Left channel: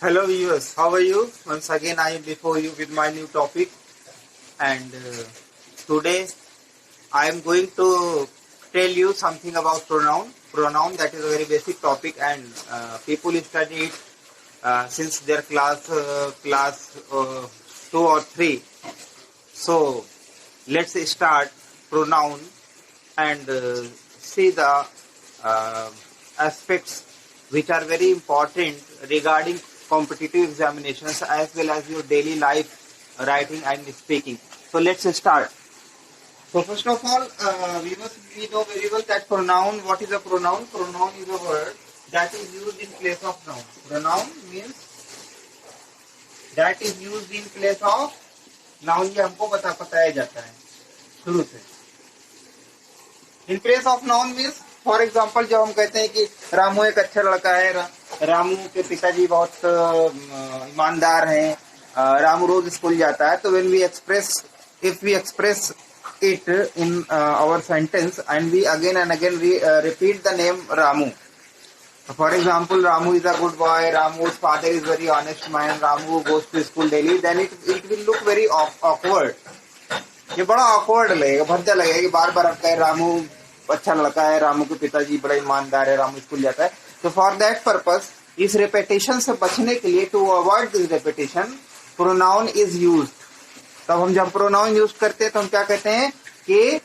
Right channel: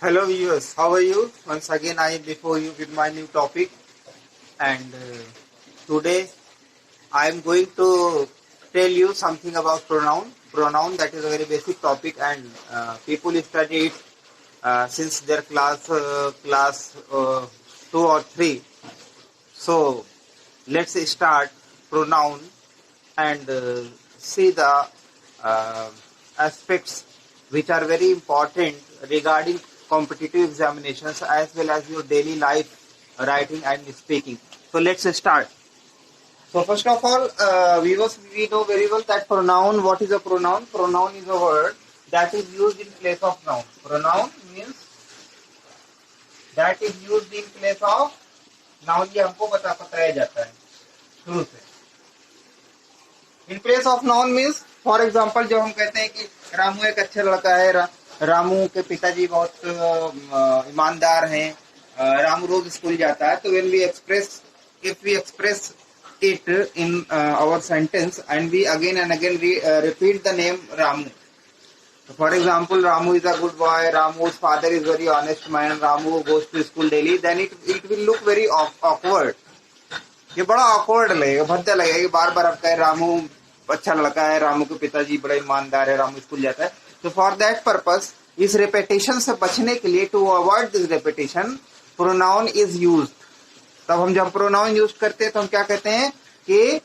Hello viewers, how are you? Once again I am before you with my new topic, and today I am going to tell you something about pronoun. Pronoun, that is a very basic topic, and people study it since their class 2 or 3. So let's start pronoun and see the uh, aspects which are very important regarding competitive examinations as well as your daily life writing and speaking. So let's start. So first of all, we know very well that pronoun. What is a pronoun? Pronoun is a word that is used in place of noun. Pronoun means that is used in place of noun. ये हमको बताया जाता है शुरू से. In place of noun means for example जब हम कहते हैं कि रामू एक अच्छा लड़का है, रामू के पिताजी बहुत ईमानदार हैं, रामू रोज स्कूल जाता है, तो when we express if we express it in our sentence and we again and again repeat the name Ramu. For example, Ramu is a good boy, Ramu's father is very honest man, Ramu goes to school daily, then it will look very awkward. ये बड़ा awkward लगेगा, भद्दा लगेगा कि बार बार आप कहे रामू अच्छा लड़का है, रामू के पिताजी बड़ा ईमानदार है, रामू स्कूल जाता है. तो फॉर दैट पर्पस, इस रेपिटेशन से बचने के लिए, to avoid this repetition, pronoun is used. तब हम जब प्रोनाउन यूज करते हैं तो हम क्या कहते हैं कि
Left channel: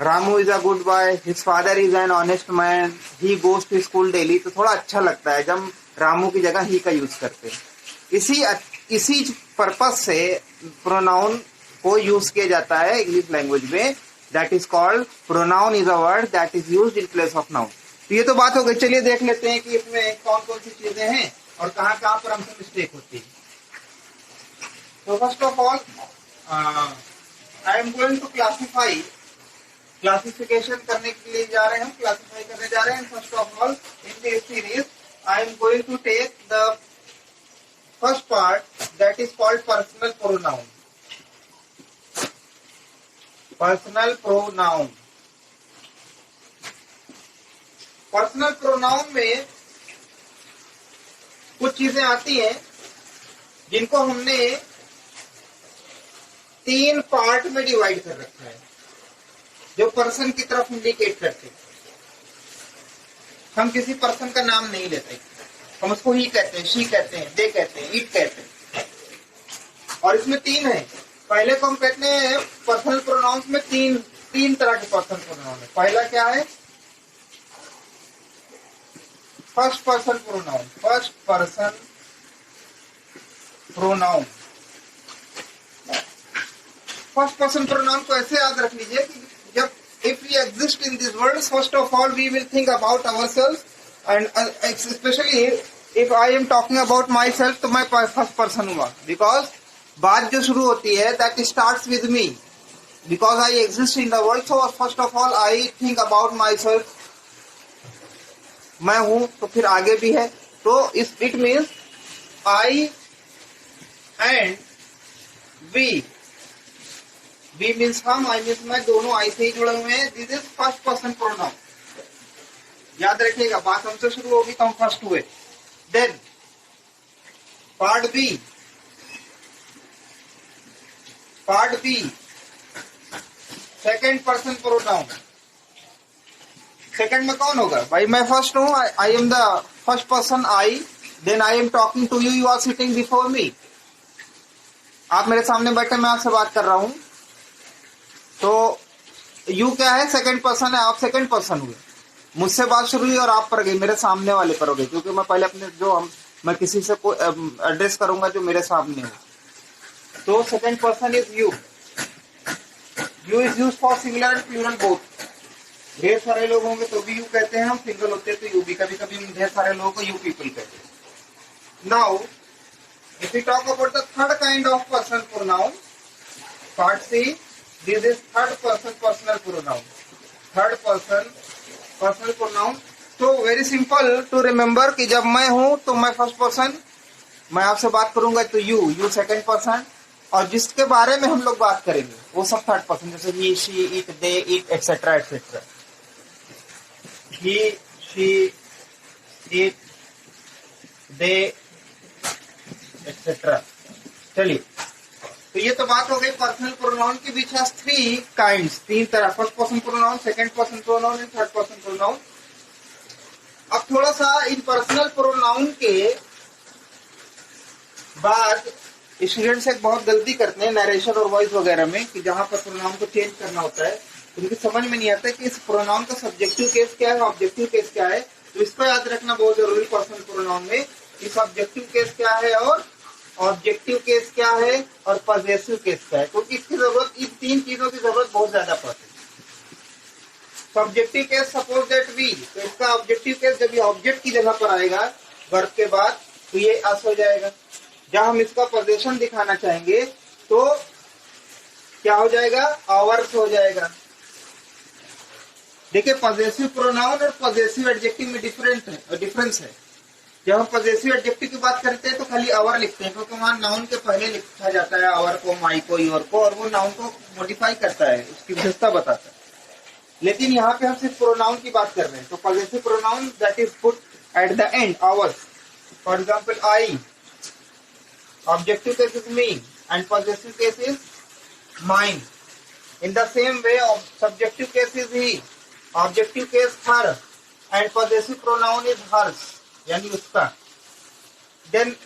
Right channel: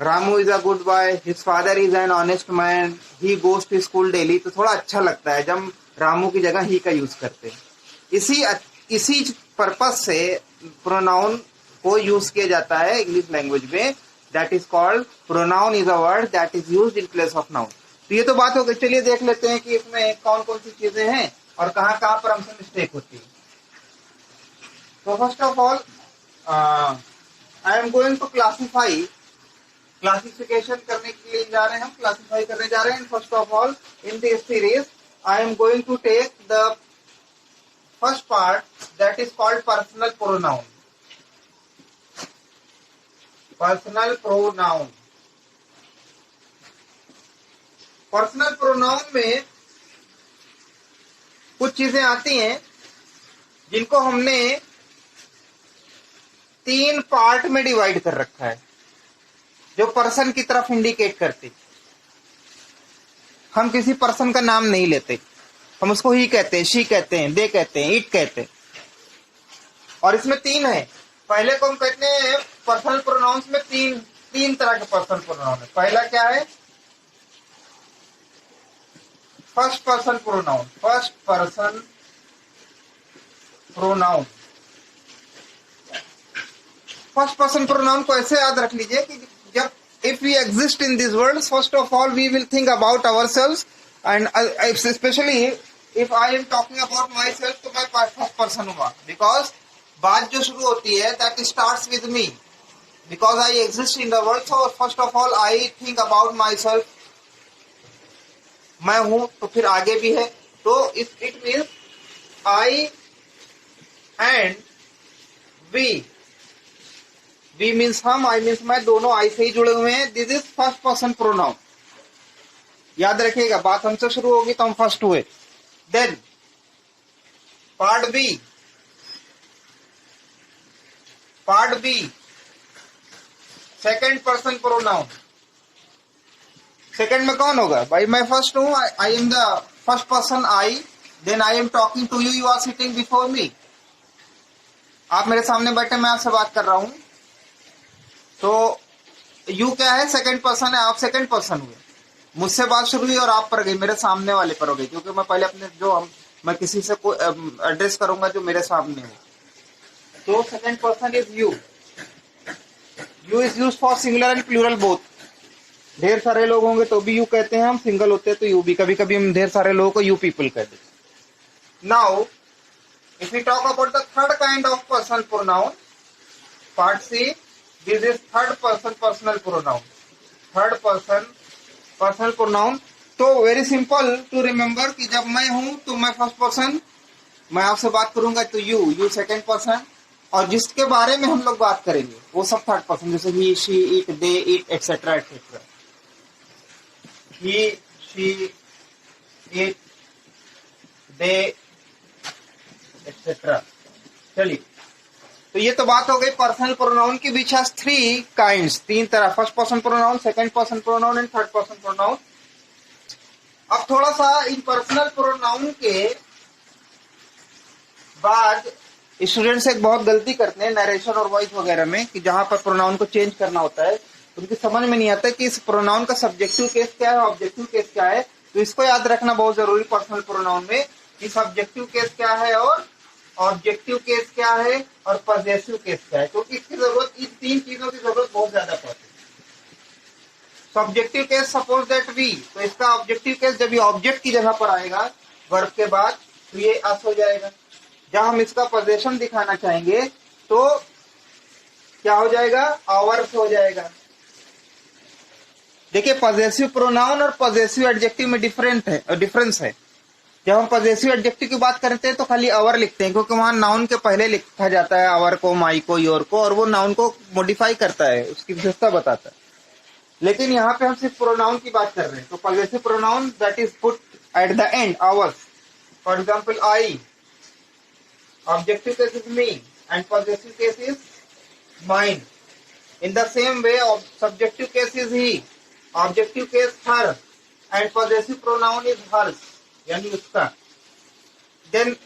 Ramu is a good boy, his father is an honest man, he goes to school daily. तो थोड़ा अच्छा लगता है जब रामू की जगह ही का यूज करते हैं. इसी पर्पस से प्रोनाउन को यूज किया जाता है इंग्लिश लैंग्वेज में. That is called pronoun is a word that is used in place of noun. तो ये तो बात हो गई. चलिए देख लेते हैं कि इसमें कौन कौन सी चीजें हैं और कहाँ कहाँ पर हमसे मिस्टेक होती है. तो first of all I am going to classification करने के लिए जा रहे हैं, हम क्लासिफाई करने जा रहे हैं. First of all, in this series I am going to take the first part that is called personal pronoun. Personal pronoun. Personal pronoun में कुछ चीजें आती हैं जिनको हमने 3 पार्ट में डिवाइड कर रखा है, जो पर्सन की तरफ इंडिकेट करते. हम किसी पर्सन का नाम नहीं लेते, हम उसको ही कहते हैं, शी कहते हैं, दे कहते हैं, इट कहते हैं. और इसमें 3 है. पहले को हम कहते हैं पर्सनल प्रोनाउंस में तीन तरह के पर्सनल प्रोनाउन है. पहला क्या है? First person pronoun. First person pronoun. First person pronoun को ऐसे याद रख लीजिए कि जब if we exist in this world, first of all we will think about our selves, and specially if I am talking about myself, तो मैं first person हुआ. बिकॉज बात जो शुरू होती है that starts with me, because I exist in the world. So first of all I think about myself. मैं हूं तो फिर आगे भी है. तो it means I and we. We means हम, आई मीन्स मैं, दोनों आई से ही जुड़े हुए हैं. This is first person pronoun. याद रखिएगा, बात हमसे शुरू होगी तो हम फर्स्ट हुए. Then part B. Part B, second person pronoun. Second में कौन होगा? भाई मैं फर्स्ट हूं, I am the first person, I. Then I am talking to you, you are sitting before me. आप मेरे सामने बैठे, मैं आपसे बात कर रहा हूं. तो यू क्या है? सेकेंड पर्सन है. आप सेकेंड पर्सन हुए. मुझसे बात शुरू हुई और आप पर गई, मेरे सामने वाले पर हो गई, क्योंकि मैं पहले अपने मैं किसी से कोई एड्रेस करूंगा जो मेरे सामने हो. तो second person is you. You is use for singular and plural both. ढेर सारे लोग होंगे तो भी यू कहते हैं, हम सिंगल होते हैं तो यू भी. कभी कभी हम ढेर सारे लोगों को यू पीपल कहते हैं. Now if you talk about the third kind of person pronoun, part C, this is third person personal pronoun. Third person personal pronoun. तो वेरी सिंपल टू रिमेम्बर कि जब मैं हूं तो मैं फर्स्ट पर्सन, मैं आपसे बात करूंगा तो यू सेकेंड पर्सन, और जिसके बारे में हम लोग बात करेंगे वो सब थर्ड पर्सन, जैसे he, she, it, they, it, etcetera etcetera. he, she, it, they, etcetera. चलिए, तो ये तो बात हो गई पर्सनल प्रोनाउन की विच हैज थ्री काइंड्स, तीन तरह, first person pronoun, second person pronoun and third person pronoun. अब थोड़ा सा इन पर्सनल प्रोनाउन के बाद स्टूडेंट्स एक बहुत गलती करते हैं नरेशन और वॉइस वगैरह में, कि जहां पर प्रोनाउन को चेंज करना होता है उनकी समझ में नहीं आता कि इस प्रोनाउन का सब्जेक्टिव केस क्या है, ऑब्जेक्टिव केस क्या है। तो इसको याद रखना बहुत जरूरी पर्सनल प्रोनाउन में, कि सब्जेक्टिव केस क्या है और ऑब्जेक्टिव केस क्या है और पॉजेसिव केस क्या है, क्योंकि इसकी जरूरत, इन तीन चीजों की जरूरत बहुत ज्यादा पड़ती है। Subjective case suppose that we, तो इसका ऑब्जेक्टिव केस जब ये ऑब्जेक्ट की जगह पर आएगा वर्ब के बाद, तो ये अस हो जाएगा। जब हम इसका पोजेशन दिखाना चाहेंगे तो क्या हो जाएगा, आवर्स हो जाएगा। देखिए, पॉजेसिव प्रोनाउन और पॉजेसिव एडजेक्टिव में डिफरेंस है। जब हम पॉजेसिव एडजेक्टिव की बात करते हैं तो खाली आवर लिखते हैं, क्योंकि वहां नाउन के पहले लिखा जाता है आवर को, माई को, योर को, और वो नाउन को मॉडिफाई करता है, उसकी विशेषता बताता है। लेकिन यहाँ पे हम सिर्फ प्रोनाउन की बात कर रहे हैं, तो possessive pronoun that is put at the end hours, for example I, objective case is me and possessive case is mine. In the same way, subjective case is he, objective case her, and possessive pronoun is hers, यानी उसका। Then,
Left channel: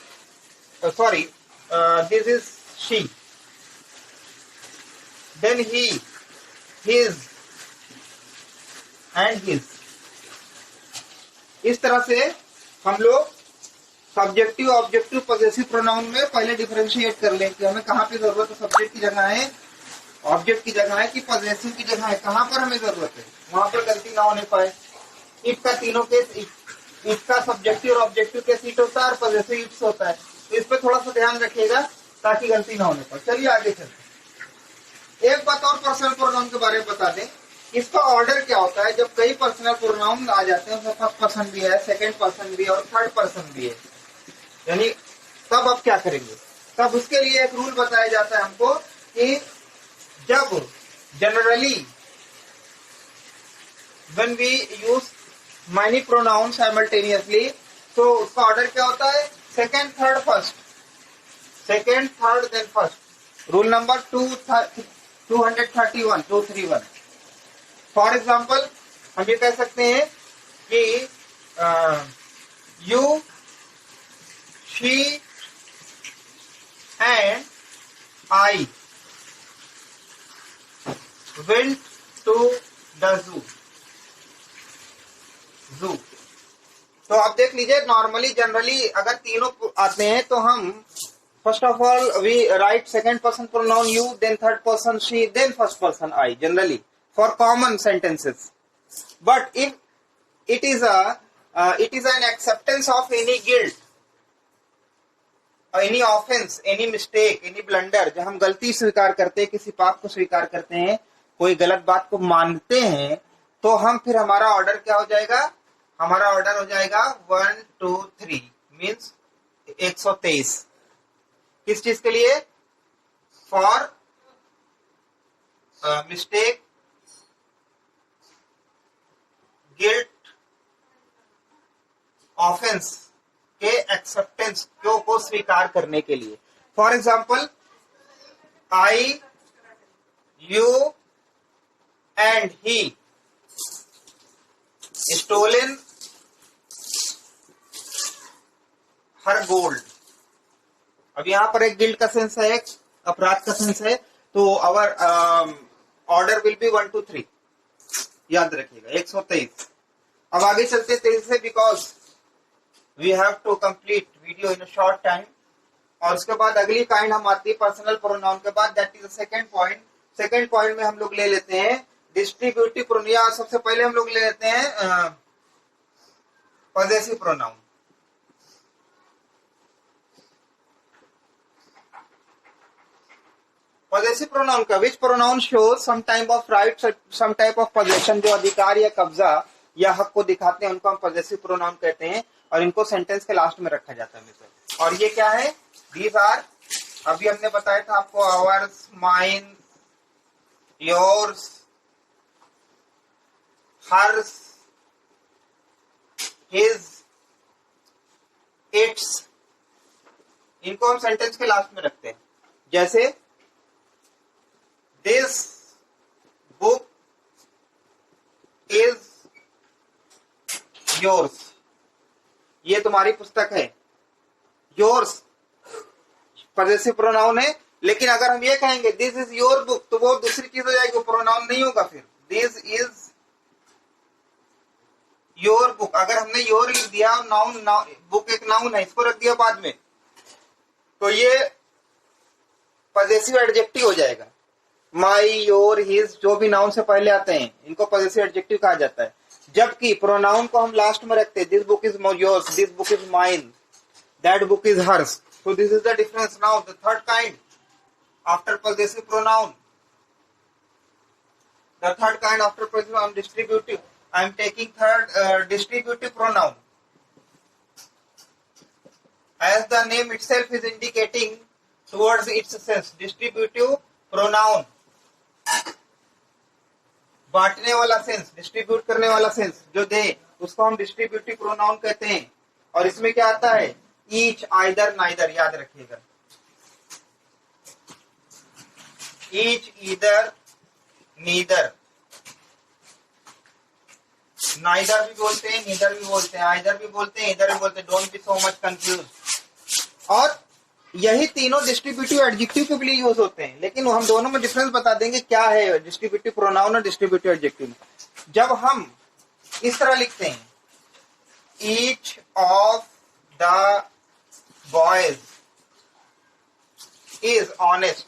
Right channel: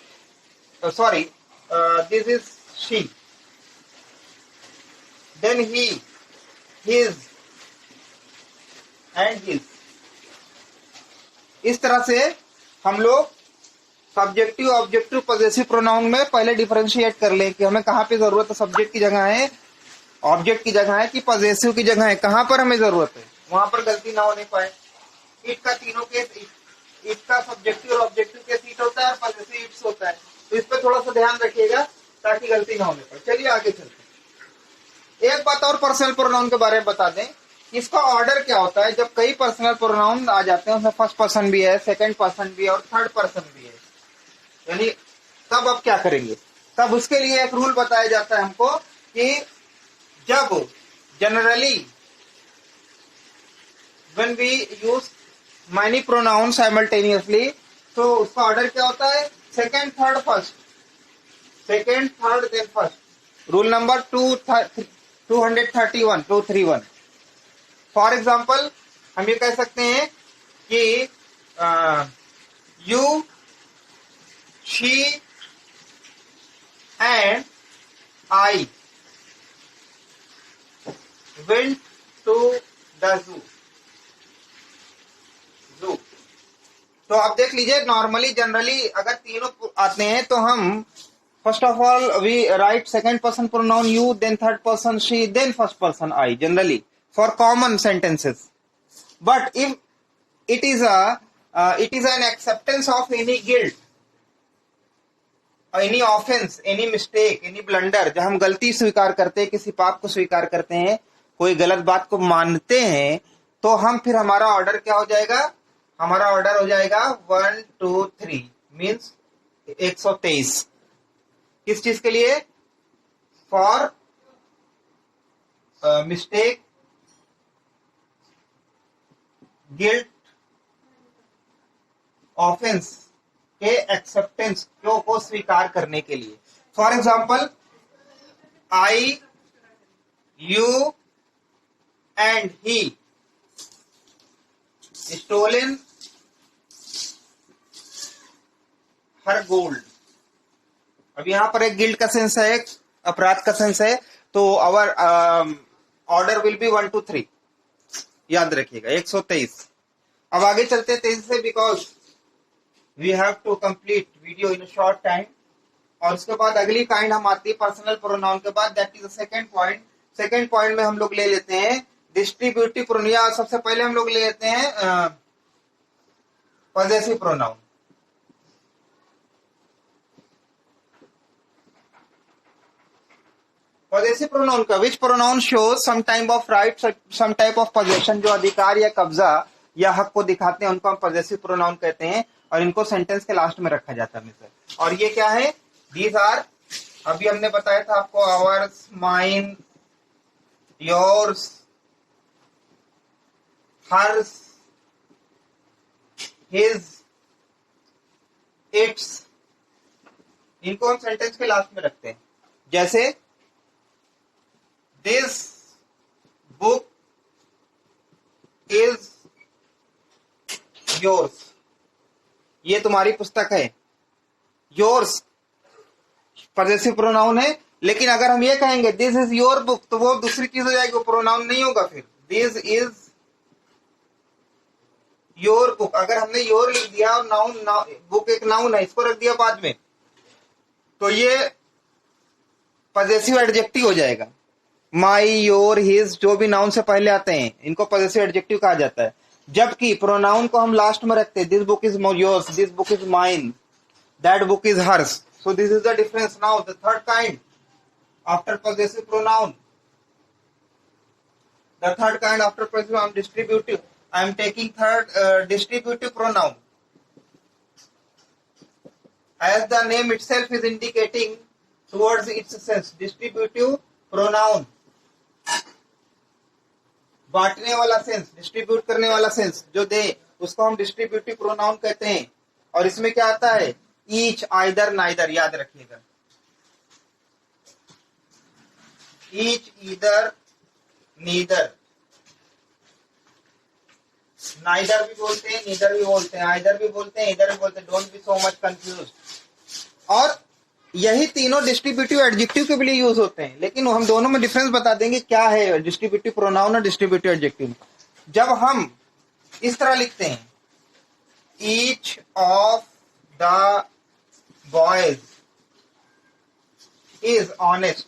this is she. Then he, his, and his. इस तरह से हम लोग subjective, objective, possessive pronoun में पहले differentiate कर लें कि हमें कहाँ पे जरूरत है, सब्जेक्ट की जगह है, ऑब्जेक्ट की जगह है कि पॉजेसिव की जगह है, कहां पर हमें जरूरत है, वहां पर गलती ना होने पाए। इट का तीनों केस, इट का सब्जेक्टिव और ऑब्जेक्टिव केस इट होता है और पॉजेसिव इट्स होता है, तो इस पर थोड़ा सा ध्यान रखिएगा ताकि गलती ना होने पाए। चलिए आगे चलते हैं। एक बात और पर्सनल प्रोनाउन के बारे में बता दें, इसका ऑर्डर क्या होता है। जब कई पर्सनल प्रोनाउन आ जाते हैं, उसमें फर्स्ट पर्सन भी है, सेकंड पर्सन भी है और थर्ड पर्सन भी है, यानी तब आप क्या करेंगे, तब उसके लिए एक रूल बताया जाता है हमको कि जब generally when we use many pronouns simultaneously, तो उसका ऑर्डर क्या होता है, second third first, second third then first. Rule number 231 for example हम ये कह सकते हैं कि you, she and I went to the zoo. तो आप देख लीजिए, नॉर्मली जनरली अगर तीनों आते हैं तो हम first of all we write second person pronoun you, then third person she, then first person I, generally for common sentences. But if it is an acceptance of any guilt, any offense, any mistake, any blunder, जब हम गलती स्वीकार करते हैं, किसी पाप को स्वीकार करते हैं, कोई गलत बात को मानते हैं, तो हम फिर हमारा ऑर्डर क्या हो जाएगा, हमारा ऑर्डर हो जाएगा 1 2 3 मीन्स 123। किस चीज के लिए, फॉर मिस्टेक, गिल्ट, ऑफेंस के एक्सेप्टेंस को स्वीकार करने के लिए। For example, I, you and he stolen her gold. अब यहां पर एक गिल्ट का सेंस है, एक अपराध का सेंस है, तो आवर ऑर्डर विल बी 1 2 3, याद रखिएगा 123। अब आगे चलते हैं तेजी से, because we have to complete video in a short time. और उसके बाद अगली काइंड हम आती है पर्सनल प्रोनाउन के बाद, that is second point. Second point में हम लोग ले लेते हैं डिस्ट्रीब्यूटिव प्रोनाउन। सबसे पहले हम लोग ले लेते हैं पॉजेसिव प्रोनाउन। पॉजेसिव प्रोनाउन का which pronoun shows some type of right, some type of possession, जो अधिकार या कब्जा या हक को दिखाते हैं, उनको हम पॉजेसिव प्रोनाउन कहते हैं, और इनको सेंटेंस के लास्ट में रखा जाता है मित्र। और ये क्या है, दीज आर, अभी हमने बताया था आपको, ours, mine, yours, hers, his, its, इनको हम सेंटेंस के लास्ट में रखते हैं। जैसे दिस बुक इज योर्स, ये तुम्हारी पुस्तक है। योर्स पॉजेसिव प्रोनाउन है, लेकिन अगर हम ये कहेंगे दिस इज योर बुक तो वो दूसरी चीज हो जाएगी, वो प्रोनाउन नहीं होगा। फिर दिस इज योर बुक, अगर हमने योर लिख दिया और नाउन, बुक एक नाउन है, इसको रख दिया बाद में, तो ये पॉजेसिव एडजेक्टिव हो जाएगा। माई, योर, हिज, जो भी नाउन से पहले आते हैं इनको पॉजेसिव एडजेक्टिव कहा जाता है। जबकि प्रोनाउन को हम लास्ट में रखते हैं। This book is yours, this book is mine, that book is hers. So this is the difference. Now the third kind after possessive pronoun. The third kind after possessive, I am distributive. I am taking third distributive pronoun. As the name itself is indicating towards its sense, distributive pronoun. बांटने वाला sense, distribute करने वाला sense जो दे, उसको हम distributive pronoun कहते हैं। और इसमें क्या आता है? ईच, आइदर, नाइदर, याद रखिएगा। ईच, ईदर, नीदर, नाइदर भी बोलते हैं, नीदर भी बोलते हैं, आइदर भी बोलते हैं, इधर भी बोलते हैं। Don't be so much confuse. और यही तीनों डिस्ट्रीब्यूटिव एडजेक्टिव के लिए यूज होते हैं, लेकिन हम दोनों में डिफरेंस बता देंगे क्या है डिस्ट्रीब्यूटिव प्रोनाउन और डिस्ट्रीब्यूटिव एडजेक्टिव। जब हम इस तरह लिखते हैं, each of the boys is honest,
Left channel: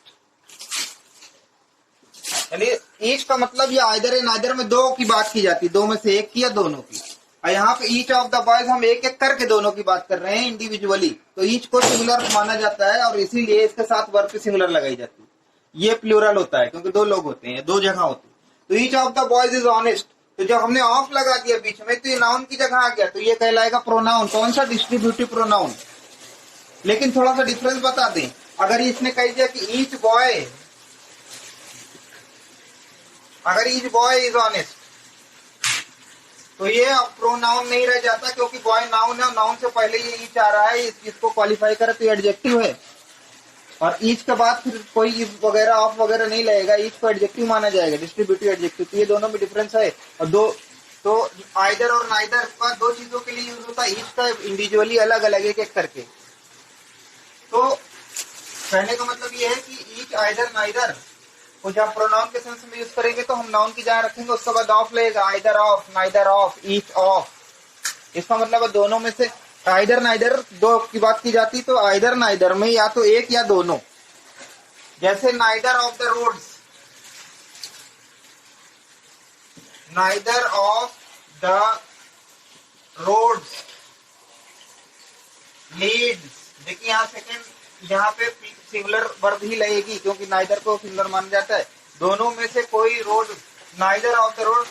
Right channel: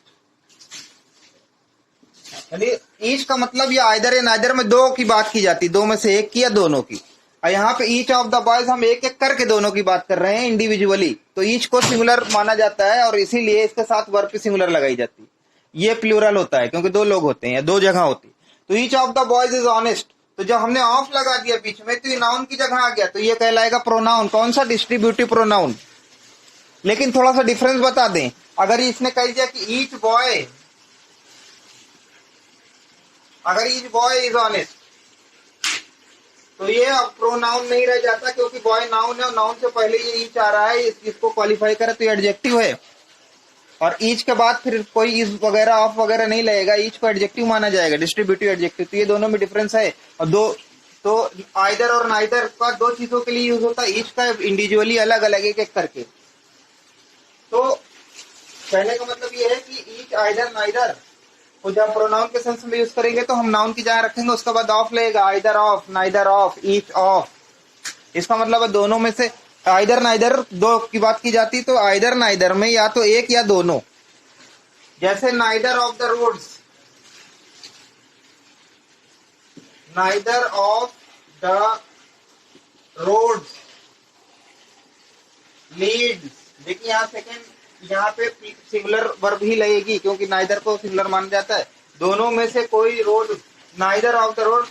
यानी ईच का मतलब ये आइदर या नाइदर में दो की बात की जाती है, दो में से एक की या दोनों की। और यहाँ पे ईच ऑफ द बॉयज हम एक एक करके दोनों की बात कर रहे हैं इंडिविजुअली, तो ईच को सिंगुलर माना जाता है और इसीलिए इसके साथ वर्ब की सिंगुलर लगाई जाती है। ये प्लूरल होता है क्योंकि दो लोग होते हैं या दो जगह होती है। तो each of the boys is honest, तो जब हमने ऑफ लगा दिया बीच में तो ये नाउन की जगह आ गया, तो ये कहलाएगा प्रोनाउन। कौन सा? Distributive pronoun. लेकिन थोड़ा सा डिफरेंस बता दें, अगर इसने कह दिया कि ईच बॉय, अगर ईच बॉय इज ऑनेस्ट, तो ये अब प्रोनाउन नहीं रह जाता, क्योंकि बॉय नाउन है और नाउन से पहले ये ईच आ रहा है, इसको क्वालिफाई करे तो ये एडजेक्टिव है। और ईच के बाद फिर कोई इज वगैरह ऑफ वगैरह नहीं लगेगा, ईच को एडजेक्टिव माना जाएगा, डिस्ट्रीब्यूटिव एडजेक्टिव। तो ये दोनों में डिफरेंस है। और दो तो आइदर और नाइदर का दो चीजों के लिए यूज होता है, ईच का इंडिविजुअली अलग अलग एक एक करके। तो कहने का मतलब ये है कि ईच, आइदर, नाइदर को जब प्रोनाउन के सेंस में यूज करेंगे तो हम नाउन की जगह रखेंगे, उसके बाद ऑफ लगेगा, either of, neither of, each of. इसका मतलब है दोनों में से आइदर नाइदर दो की बात की जाती, तो आइदर नाइदर में या तो एक या दोनों। जैसे neither of the roads, neither of the roads leads. देखिए यहाँ सेकेंड, यहाँ पे सिंगुलर वर्ब ही लगेगी क्योंकि नाइदर को सिंगुलर माना जाता है। दोनों में से कोई road, neither of the road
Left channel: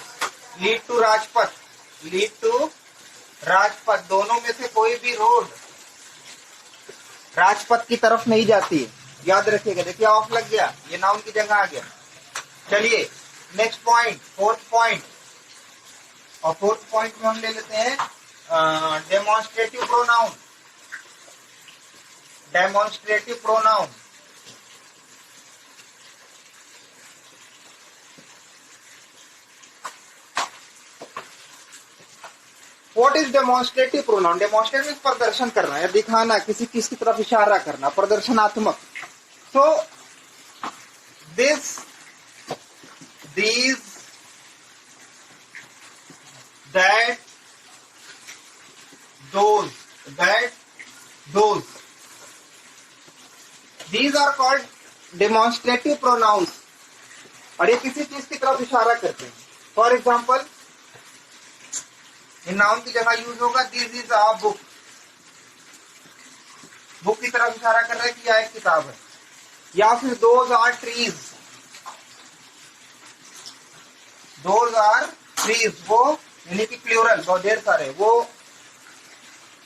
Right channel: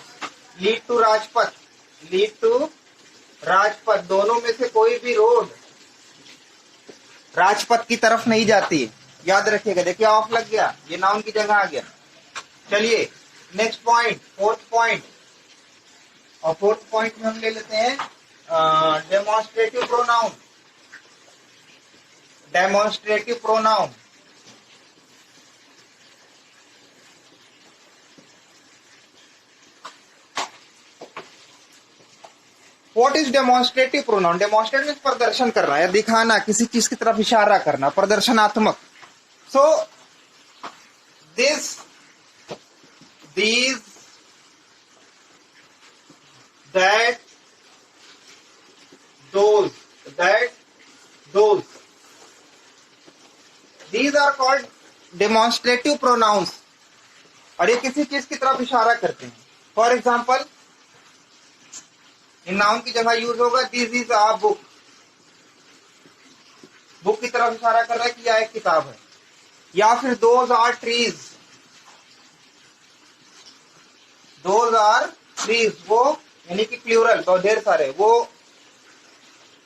lead to Rajpath, lead to Rajpath, दोनों में से कोई भी रोड राजपथ की तरफ नहीं जाती, याद रखिएगा। देखिए ऑफ लग गया, ये नाउन की जगह आ गया। चलिए नेक्स्ट पॉइंट, फोर्थ पॉइंट। और फोर्थ पॉइंट में हम ले लेते हैं demonstrative pronoun. Demonstrative pronoun, what is demonstrative pronoun? Demonstrate प्रदर्शन करना या दिखाना, किसी चीज की तरफ इशारा करना, प्रदर्शनात्मक। So this, these, that, those, that, those, these are called demonstrative pronouns, और ये किसी चीज की तरफ इशारा करते हैं। फॉर एग्जाम्पल, इन नाउन की जगह यूज होगा this is a book, book की तरफ इशारा कर रहा है कि यह एक किताब है। या फिर those are trees, those are trees, वो यानी कि प्लूरल, बहुत ढेर सारे, वो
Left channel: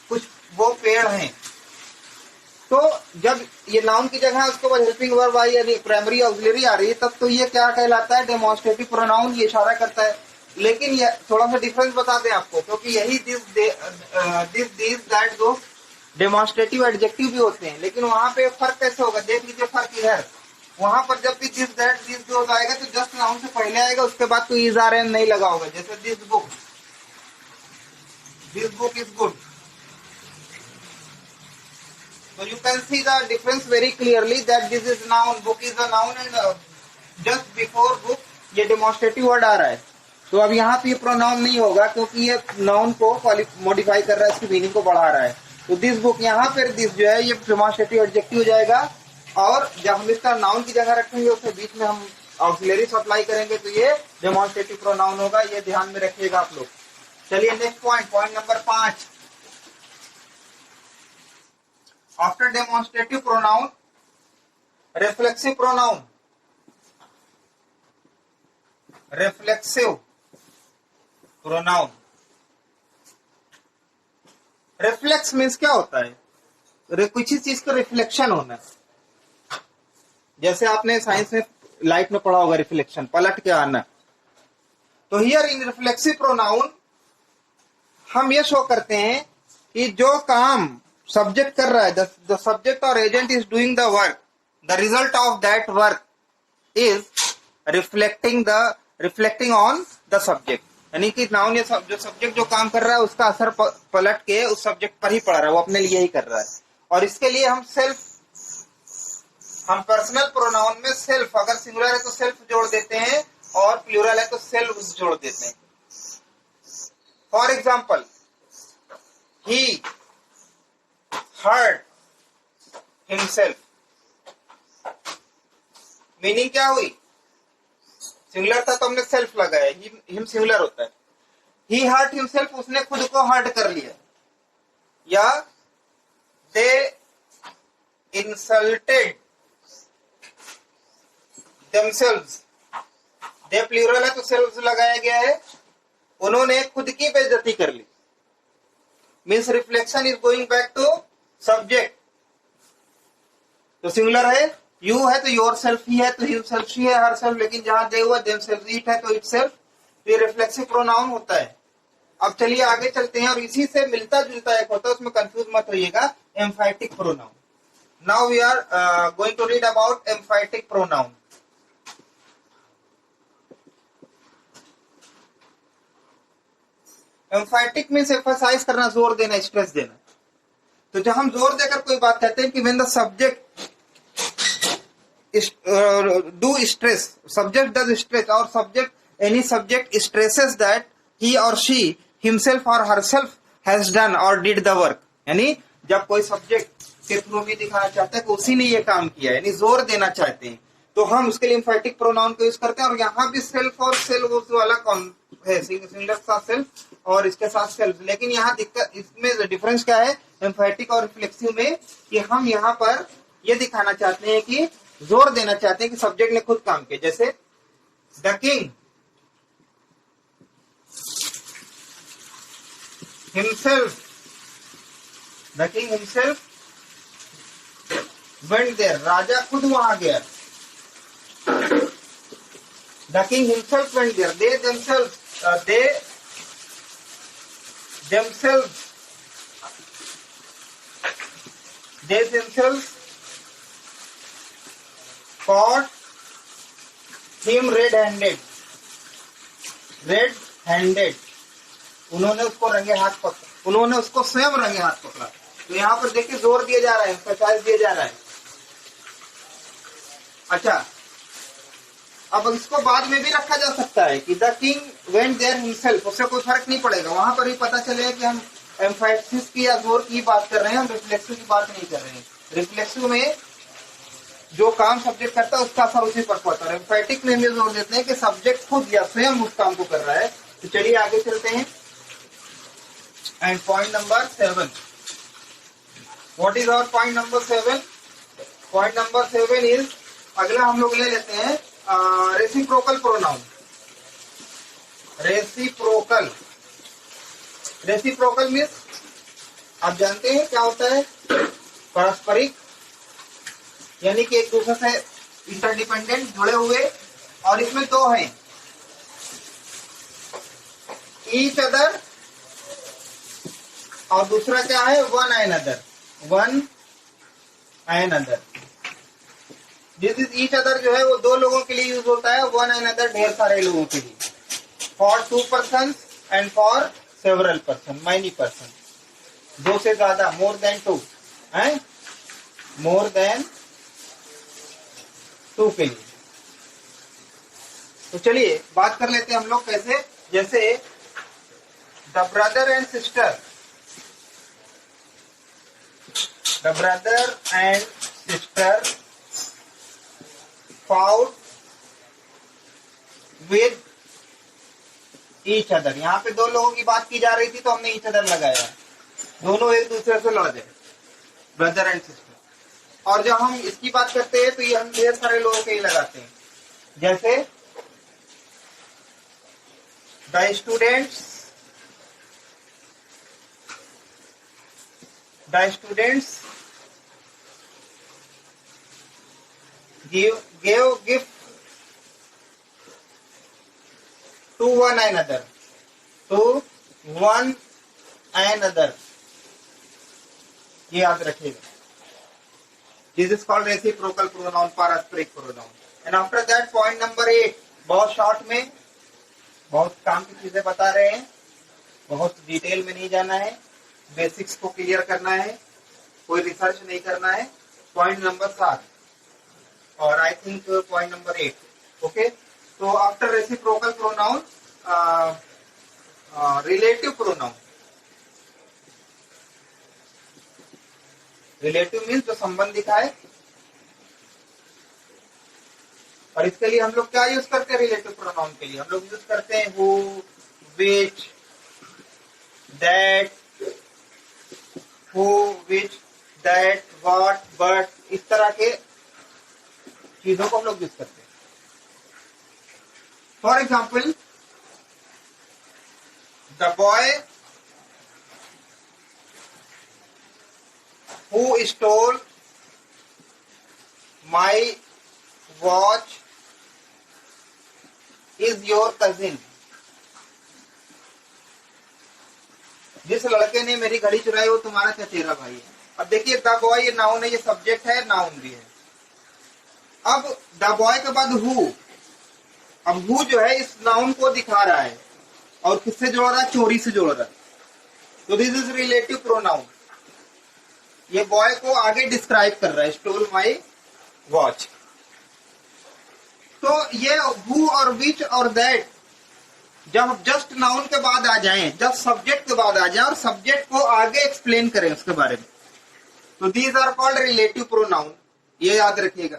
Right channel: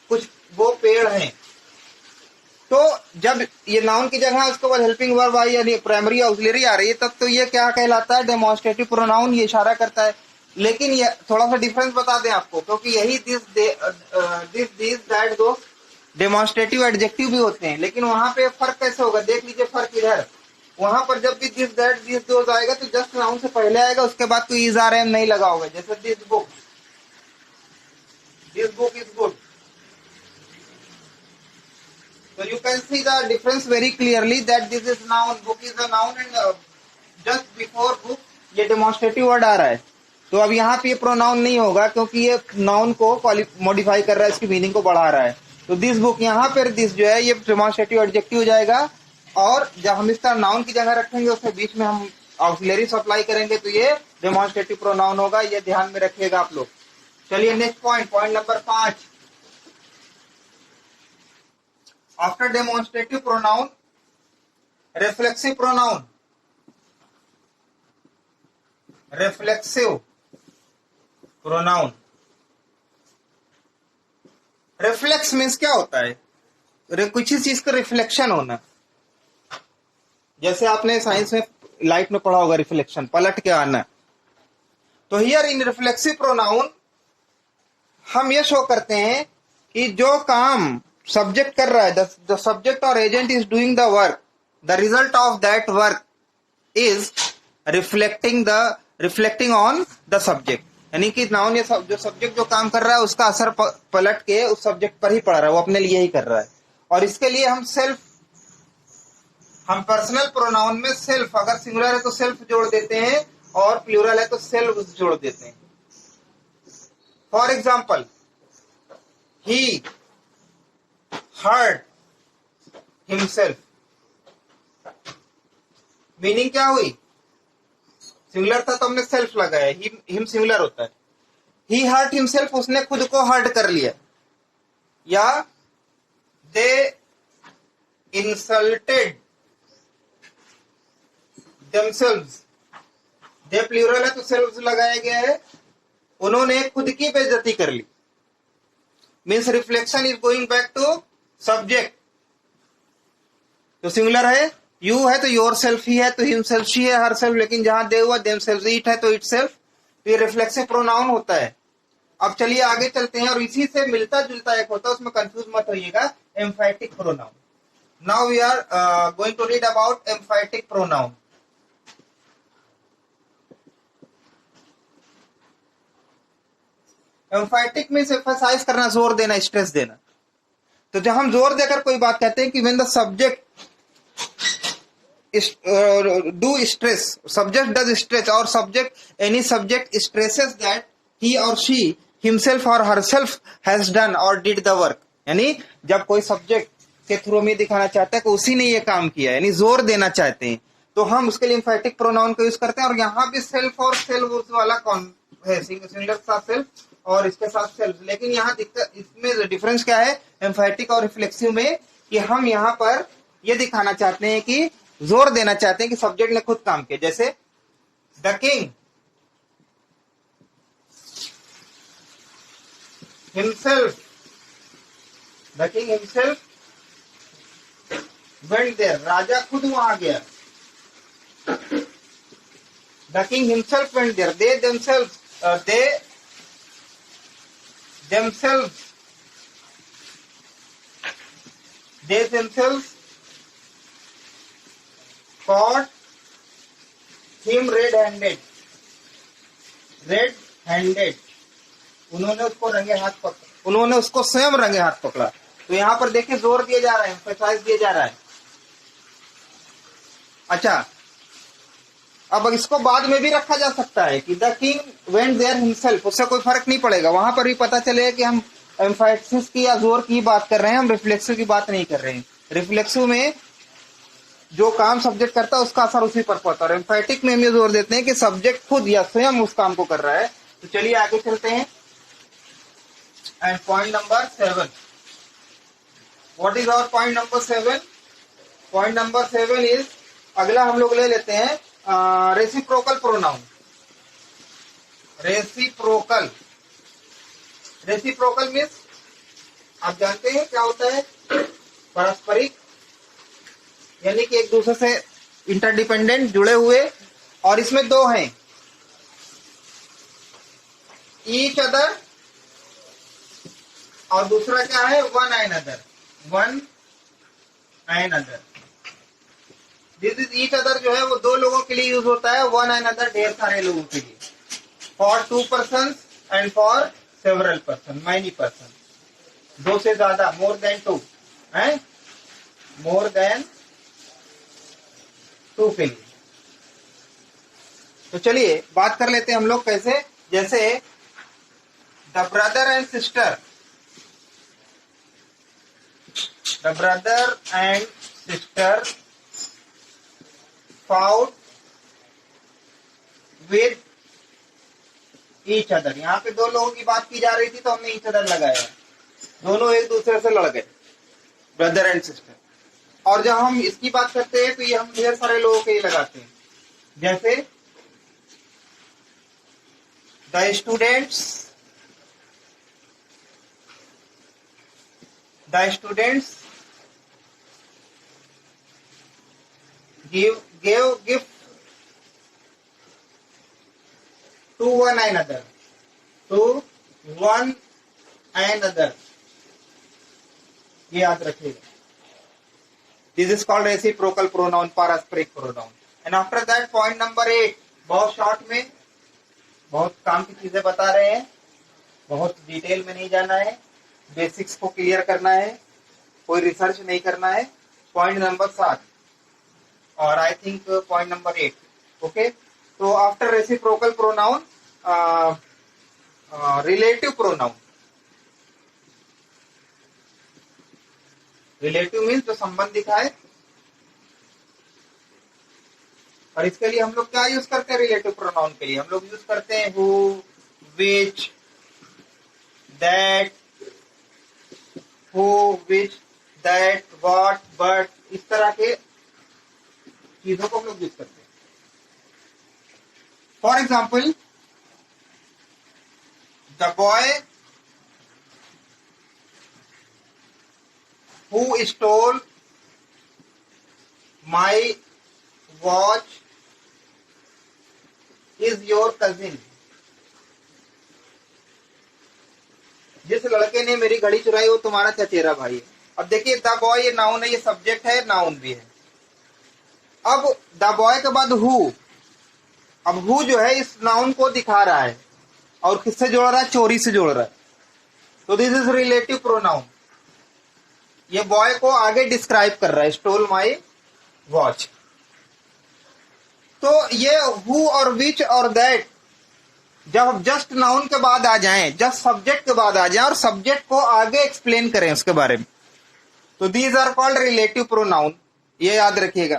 कुछ, वो पेड़ हैं। तो जब ये नाउन की जगह उसके बाद हेल्पिंग वर्ब आई यानी प्राइमरी ऑक्सिलरी आ रही है, तब तो ये क्या कहलाता है? डेमोन्स्ट्रेटिव प्रोनाउन, ये इशारा करता है। लेकिन ये थोड़ा सा डिफरेंस बता दें आपको, क्योंकि यही this, this, that, those demonstrative adjective भी होते हैं, लेकिन वहां पे फर्क कैसे होगा, देख लीजिए फर्क इधर। वहां पर जब भी दिस दैट दिस दोज आएगा तो जस्ट नाउन से पहले आएगा, उसके बाद कोई इज आर एम नहीं लगा होगा। जैसे this book is good. So you can see the difference very clearly that this is noun, book is a noun and just before book ये demonstrative word आ रहा है। तो अब यहाँ पे ये प्रोनाउन नहीं होगा क्योंकि ये नाउन को मॉडिफाई कर रहा है, इसकी मीनिंग को बढ़ा रहा है। तो दिस बुक यहाँ पर दिस जो है ये डेमोन्स्ट्रेटिव एडजेक्टिव हो जाएगा, और जब हम इसका नाउन की जगह रखेंगे उसके बीच में हम ऑक्सिलरी अप्लाई करेंगे तो ये डेमोन्स्ट्रेटिव प्रोनाउन होगा। ये ध्यान में रखिएगा आप लोग। चलिए next point number 5। After demonstrative pronoun, reflexive pronoun. Reflexive pronoun. Reflex means क्या होता है? किसी चीज का रिफ्लेक्शन होना। जैसे आपने साइंस में लाइट में पढ़ा होगा, रिफ्लेक्शन, पलट के आना। तो हियर इन रिफ्लेक्सिव प्रोनाउन हम ये शो करते हैं कि जो काम सब्जेक्ट कर रहा है, द सब्जेक्ट और agent is doing the work, the result of that work is reflecting on the subject. यानी कि नाउन जो सब्जेक्ट जो काम कर रहा है उसका असर पलट के उस सब्जेक्ट पर ही पड़ रहा है, वो अपने लिए ही कर रहा है। और इसके लिए हम पर्सनल प्रोनाउन में सेल्फ, अगर सिंगुलर है तो सेल्फ जोड़ देते हैं और प्लूरल है तो सेल्फ जोड़ देते हैं। For example, he heard himself, meaning क्या हुई? सिंगुलर था तो हमने सेल्फ लगाया, हिम सिंगुलर होता है। ही हर्ट हिमसेल्फ, उसने खुद को हर्ट कर लिया। या दे इंसल्टेड देमसेल्व्स, दे प्लूरल है तो सेल्फ लगाया गया है, उन्होंने खुद की बेइज्जती कर ली। Means reflection is going back to subject. तो सिंगुलर है, यू है तो योर सेल्फ ही है, तो हिमसेल्फ शी है, हर सेल्फ, लेकिन जहां दे हुआ देमसेल्व्स, इट है तो इट सेल्फ, तो ये रिफ्लेक्सिव प्रोनाउन होता है। अब चलिए आगे चलते हैं, और इसी से मिलता जुलता एक होता है, उसमें कंफ्यूज मत रहिएगा, emphatic pronoun. Now we are going to read about emphatic pronoun. Emphatic means emphasize करना, जोर देना, स्ट्रेस देना। तो जब हम जोर देकर कोई बात कहते हैं कि when the subject do stress, subject does stress, और subject any subject stresses that he और शी हिमसेल्फ और हरसेल्फ हैज डन और डिड द वर्क। यानी जब कोई सब्जेक्ट के थ्रू में दिखाना चाहता है कि उसी ने ये काम किया, यानी जोर देना चाहते हैं, तो हम उसके लिए एम्फैटिक प्रोनाउन को यूज करते हैं। और यहाँ भी सेल्फ और सेल्फ वाला कौन है, सिंगुलर के साथ सेल्फ और इसके साथ सेल्फ। लेकिन यहाँ दिक्कत, इसमें डिफरेंस क्या है एम्फैटिक और रिफ्लेक्सिव में, कि हम यहाँ पर ये दिखाना चाहते हैं कि जोर देना चाहते हैं कि सब्जेक्ट ने खुद काम किया। जैसे the king himself, the king himself went there, राजा खुद वहां गया। The king himself went there, they themselves, they themselves caught him red-handed, उन्होंने उसको रंगे हाथ पकड़ा, उन्होंने उसको स्वयं रंगे हाथ पकड़ा। तो यहाँ पर देखिए जोर दिया जा रहा है, एम्फसाइज दिया जा रहा है। अच्छा, अब इसको बाद में भी रखा जा सकता है कि the king went there himself, उससे कोई फर्क नहीं पड़ेगा, वहां पर भी पता चलेगा कि हम एम्फैसिस की या जोर की बात कर रहे हैं, हम रिफ्लेक्सिव की बात नहीं कर रहे हैं। रिफ्लेक्सिव में जो काम सब्जेक्ट करता है उसका असर उसी पर पड़ता है, और एम्फैटिक में हम ये जोर देते हैं कि सब्जेक्ट खुद या स्वयं उस काम को कर रहा है। तो चलिए आगे चलते हैं। And point number 7, what is our point number 7? Point number 7 is, अगला हम लोग ले लेते हैं रेसिप्रोकल प्रोनाउन। रेसिप्रोकल मीन्स आप जानते हैं क्या होता है, पारस्परिक, यानी कि एक दूसरे से इंटरडिपेंडेंट, जुड़े हुए। और इसमें दो हैं, ईच अदर, और दूसरा क्या है, one and other. One and other. This is each other जो है वो दो लोगों के लिए यूज होता है, वन एंड अदर ढेर सारे लोगों के लिए, for two person and for several person, many person, दो से ज्यादा, मोर देन टू है, मोर देन टू के लिए। तो चलिए बात कर लेते हैं हम लोग कैसे, जैसे the brother and sister, the brother and sister fought with each other. यहाँ पे दो लोगों की बात की जा रही थी तो हमने ईच अदर लगाया, दोनों एक दूसरे से लड़ गए, ब्रदर एंड सिस्टर। और जब हम इसकी बात करते हैं तो ये हम ढेर सारे लोगों के लिए लगाते हैं, जैसे the students gave gift to one another, ये याद रखिएगा। This is called reciprocal pronoun, पारस्परिक pronoun. And after that point number 8, बहुत शॉर्ट में बहुत काम की चीजें बता रहे हैं, बहुत डिटेल में नहीं जाना है, बेसिक्स को क्लियर करना है, कोई रिसर्च नहीं करना है। पॉइंट नंबर 7 और I think point number 8, okay. तो after reciprocal pronoun, relative pronoun. Relative means जो संबंध दिखाए, और इसके लिए हम लोग क्या यूज करते हैं, रिलेटिव प्रोनाउन के लिए हम लोग यूज करते हैं who, which, that, who, which, that, what, but, इस तरह के चीजों को हम लोग यूज करते हैं। For example, the boy who stole my watch is your cousin. जिस लड़के ने मेरी घड़ी चुराई वो तुम्हारा चचेरा भाई है। अब देखिए द बॉय ये नाउन है, ये सब्जेक्ट है, नाउन भी है। अब द बॉय के बाद हु, अब हु जो है इस नाउन को दिखा रहा है और किससे जोड़ रहा है, चोरी से जोड़ रहा है, तो दिस इज रिलेटिव प्रोनाउन। ये बॉय को आगे डिस्क्राइब कर रहा है, स्टोल माई वॉच। तो ये हु और विच और दैट जब जस्ट नाउन के बाद आ जाएं, जब सब्जेक्ट के बाद आ जाएं और सब्जेक्ट को आगे एक्सप्लेन करें उसके बारे में, तो these are called relative pronoun, ये याद रखिएगा।